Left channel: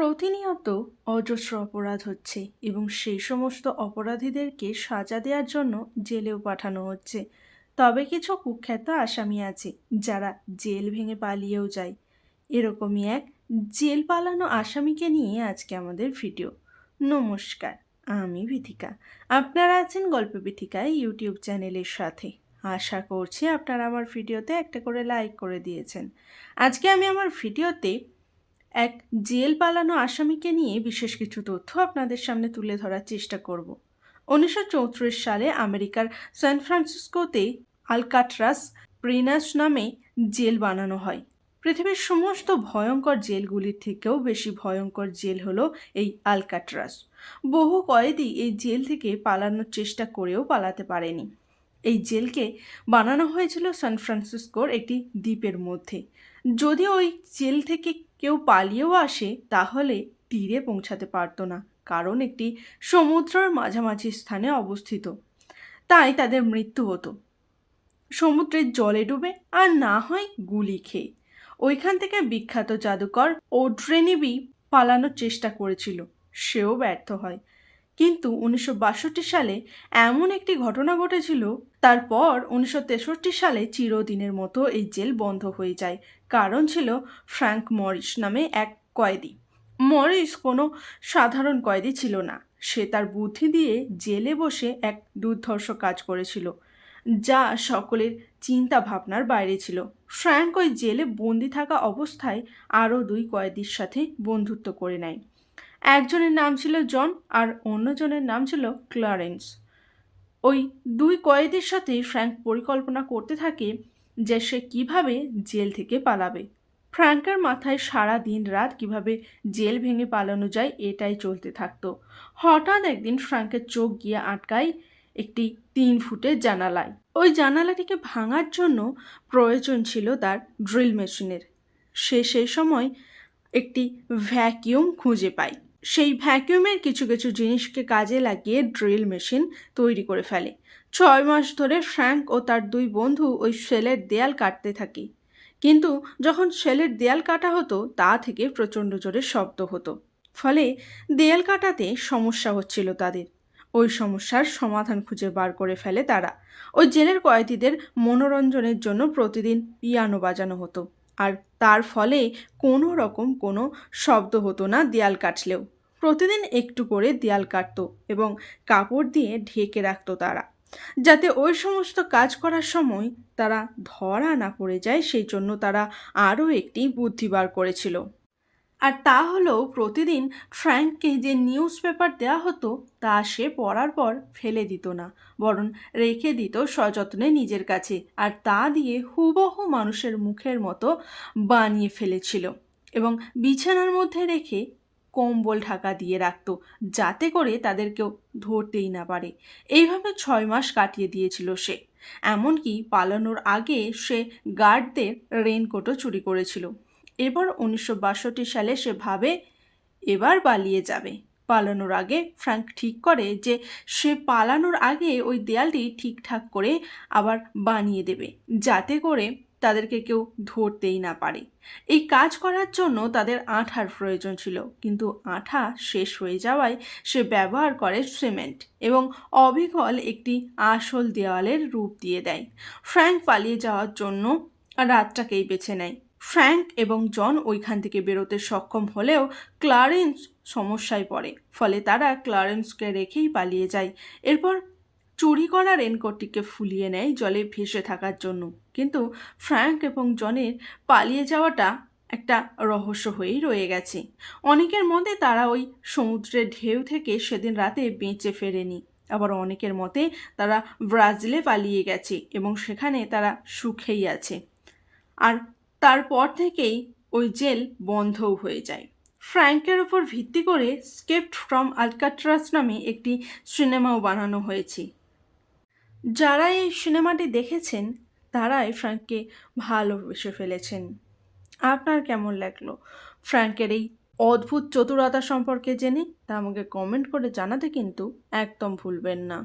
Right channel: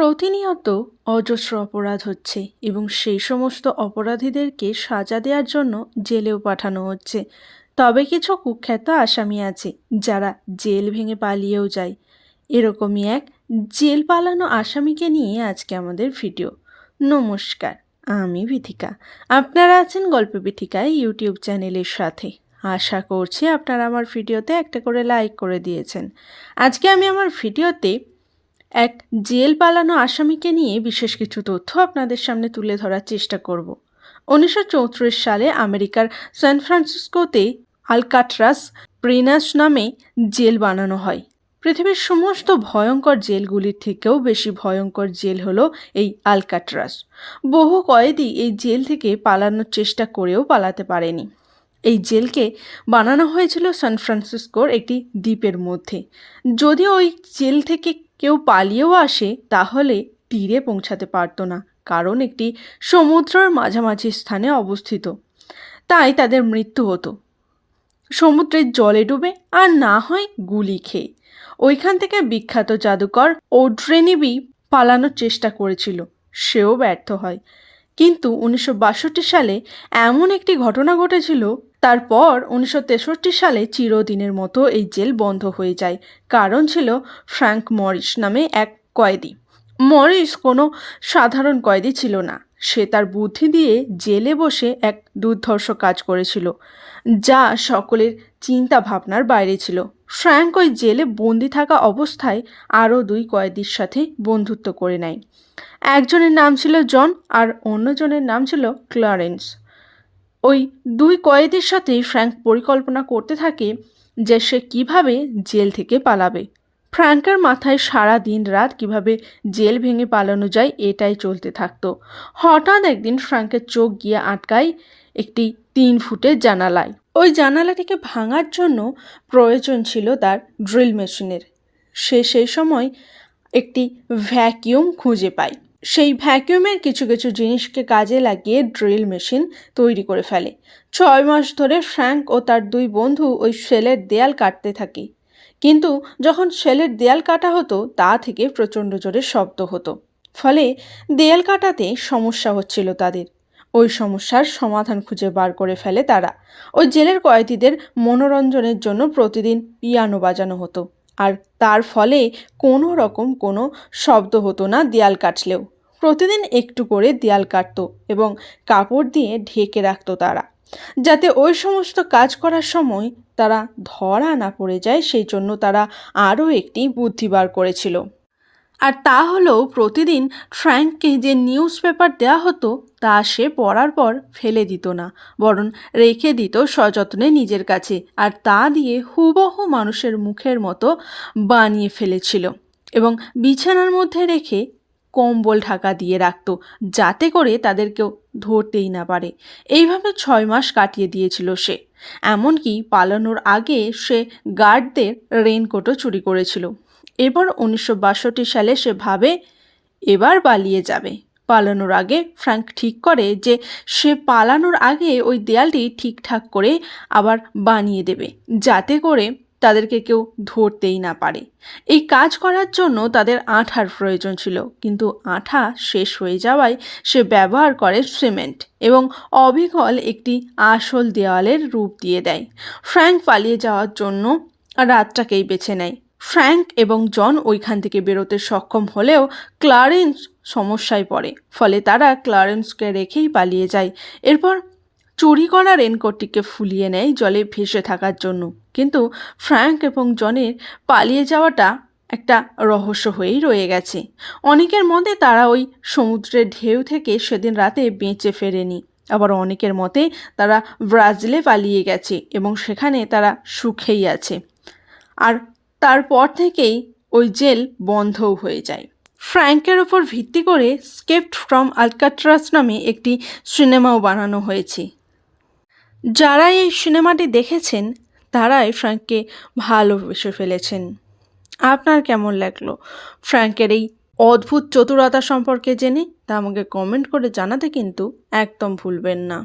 প্রতিনিয়ত অজস্র অপরাধ হচ্ছে এবং সেই সমস্ত অপরাধীদেরকে সাজা দেওয়ার জন্য জেলেও পাঠানো হচ্ছে। তবে কিছু কুখ্যাত আসামি আছে যারা জেল ভেঙে পালিয়েও যায়। এরকমই এক জেল পালানো আসামিকে নিয়ে আজকে আমাদের ভিডিও। নমস্কার, আমি বিথিকা। আপনারা আছেন গল্প বিথিকায় ইউটিউব চ্যানেলের সাথে। আশা করছি আপনারা আমার ভিডিওতে একটা করে লাইক করে দিয়েছেন। আজকে আমি আমার ভিডিওতে এক জেল পালানো আসামিকে নিয়ে বিশেষ কিছু তথ্য আপনাদের সামনে তুলে ধরার চেষ্টা করব। উনিশশো চৌত্রিশ সালে আমেরিকার সান ফ্রান্সিসকোতে আলকাট্রাস প্রিনাস নামে জেল বানানো হয়। পৃথিবীর সমস্ত ভয়ঙ্কর জেলগুলির থেকেও বেশি ভয়ঙ্কর জেল হলো এই আলকাট্রাস। বহু কয়েদি এই জেল থেকে পালানোর চেষ্টা করেও পালাতে পারেনি। এই জেলকে বানানো হয়েছিল সান ফ্রান্সিসকোর একটি দ্বীপের মধ্যে। যদি ওই জেল থেকে কেউ পালিয়েও আসে, তাহলে তীরে পৌঁছাতে পারতো না, কারণ একটি সমুদ্রের মাঝামাঝি স্থানে অবস্থিত। তাই তাদের মৃত্যু হতো। সমুদ্রের জলে ডুবে আর না হয় গুলি খেয়ে। ওইখান থেকে বিখ্যাত জাদুকর ওড্রেনিবি পালানোর চেষ্টা করেছিল, সেও ব্যর্থ হয়। কিন্তু উনিশশো বাষট্টি সালে এমন একটি ঘটনা ঘটেছিল তারপর উনিশশো তেষট্টি সালে চিরদিনের মতো এই জেল বন্ধ হয়ে যায়। কারণ ছিল ফ্র্যাঙ্ক মরিস নামে এক কয়েদি। মরিস কোনো সাধারণ কয়েদি ছিল না। সে তার বুদ্ধি দিয়ে জেলে বসে এক দুর্ধর্ষ কাজ করেছিল, যা সকলের চিন্তা ভাবনার বাইরে ছিল। ফ্র্যাঙ্ক ওই জেলে বন্দি থাকা অবস্থায় আরও দুই কয়েদির সাথে বন্ধুত্ব করে নেয়। একজনের নাম ছিল জন আর অন্যজনের নাম ছিল ক্লারেন্স। ওই দুই কয়েদির সাথে ফ্র্যাঙ্ক পরিকল্পনা করতে থাকে যে সে কীভাবে জেল থেকে পালাবে। ফ্র্যাঙ্কের মাথায় সারা দিন রাত কীভাবে জেল ভেঙে পালানো যায় এটাই চলতে থাকতো। হঠাৎ একদিন ফ্র্যাঙ্কের চোখ গিয়ে আটকায় একটি তিন ফুটের জানালায়। ওই জানালাটিকে ভাঙার জন্য প্রয়োজন ছিল তার ড্রিল মেশিনের। সে সেই সময় একটি ভ্যাকিউম খুঁজে পায়। সেই ভ্যাকিউমের কিছু কিছু জিনিসকে কাজে লাগিয়ে ড্রিল মেশিন তৈরি করে ফেলে। ছয় মাস ধরে ফ্র্যাঙ্ক ও তার দুই বন্ধু ওই সেলের দেয়াল কাটতে থাকে। কিন্তু যখন সেলের দেয়াল কাটা হতো, তা থেকে প্রচণ্ড জোরে শব্দ হতো। ফলে দেয়াল কাটাতে সমস্যা হচ্ছিল তাদের। ওই সমস্যার সমাধান খুঁজে বার করে ফেলে তারা। ওই জেলের কয়েদিদের মনোরঞ্জনের জন্য প্রতিদিন পিয়ানো বাজানো হতো। আর তার ফলে কোনো রকম কোনো শব্দ হতো না দেয়াল কাটলেও। প্রতিদিন একটু করে দেয়াল কাটতো এবং কাপড় দিয়ে ঢেকে রাখতো তারা। যাতে ওই সমস্ত কাজ করার সময় তারা ধরা না পড়ে যায়, সেই জন্য তারা আরও একটি বুদ্ধি বার করেছিল। আর তা হলো প্রতিদিন ফ্র্যাঙ্ককে যে নিউজ পেপার দেওয়া হতো, তা সে পড়ার পর ফেলে দিত না, বরং রেখে দিত সযত্নে নিজের কাছে আর তা দিয়ে হুবহু মানুষের মুখের মতো বানিয়ে ফেলেছিল এবং বিছানার মধ্যে রেখে কম্বল ঢাকা দিয়ে রাখতো যাতে করে তাদের কেউ ধরতেই না পারে। এইভাবে ছয় মাস কাটিয়ে দিয়েছিল সে। এমনকি পালানোর আগে সে গার্ডদের রেনকোটও চুরি করেছিল। এবার উনিশশো বাষট্টি সালে সে ভাবে এবার পালিয়ে যাবে। পালানোর আগে ফ্র্যাঙ্ক ঠিক করে যে সে পালানোর আগে ওই দেয়ালটি ঠিকঠাক করে আবার বানিয়ে দেবে, যাতে করে তাদেরকে কেউ ধরতেই না পারে। এই কাজ করার জন্য তাদের আঠার প্রয়োজন ছিল, কিন্তু আঠা শেষ হয়ে যাওয়ায় সে ব্যবহার করে সিমেন্ট এবং অবিকল একটি আসল দেওয়ালের রূপ দিয়ে দেয়। ফ্র্যাঙ্ক পালিয়ে যাওয়ার জন্য রাতটাকেই বেছে নেয়। ফ্র্যাঙ্ক এবং জন ওইখান থেকে বেরোতে সক্ষম হলেও ক্লারেন্স সমস্যায় পড়ে। ফলে তারা ক্লারেন্সকে রেখেই পালিয়ে যায়। এরপর চুরি করা রেনকোটটিকে ফুলিয়ে নেয় জলে ভেসে থাকার জন্য। কিন্তু ফ্র্যাঙ্ক এবং জনের পালিয়ে যাওয়াটা একটা রহস্য হয়েই রয়ে গেছে। অনেকের মতে তারা ওই সমুদ্রের ঢেউ থেকে সেদিন রাতে বেঁচে ফেরেনি। আবার অনেকের মতে তারা ব্রাজিলে পালিয়ে গেছে এবং সেখানে তারা সুখেই আছে। আর তারপর থেকেই ওই জেল বন্ধও হয়ে যায়। ফ্র্যাঙ্কের ওপর ভিত্তি করে স্কেপ্ট ফ্রম আলকাট্রাস নামে একটি সিনেমাও বানানো হয়েছে। যারা এই সিনেমাটি দেখেছেন, তারাই ফ্র্যাঙ্ককে ভালোবেসে ফেলেছেন। আপনার কেমন লাগল? ফ্র্যাঙ্কের এই অদ্ভুত চতুরতা সম্পর্কে জেনে তা আমাকে কমেন্ট করে জানাতে কিন্তু একদম ভুলবেন না।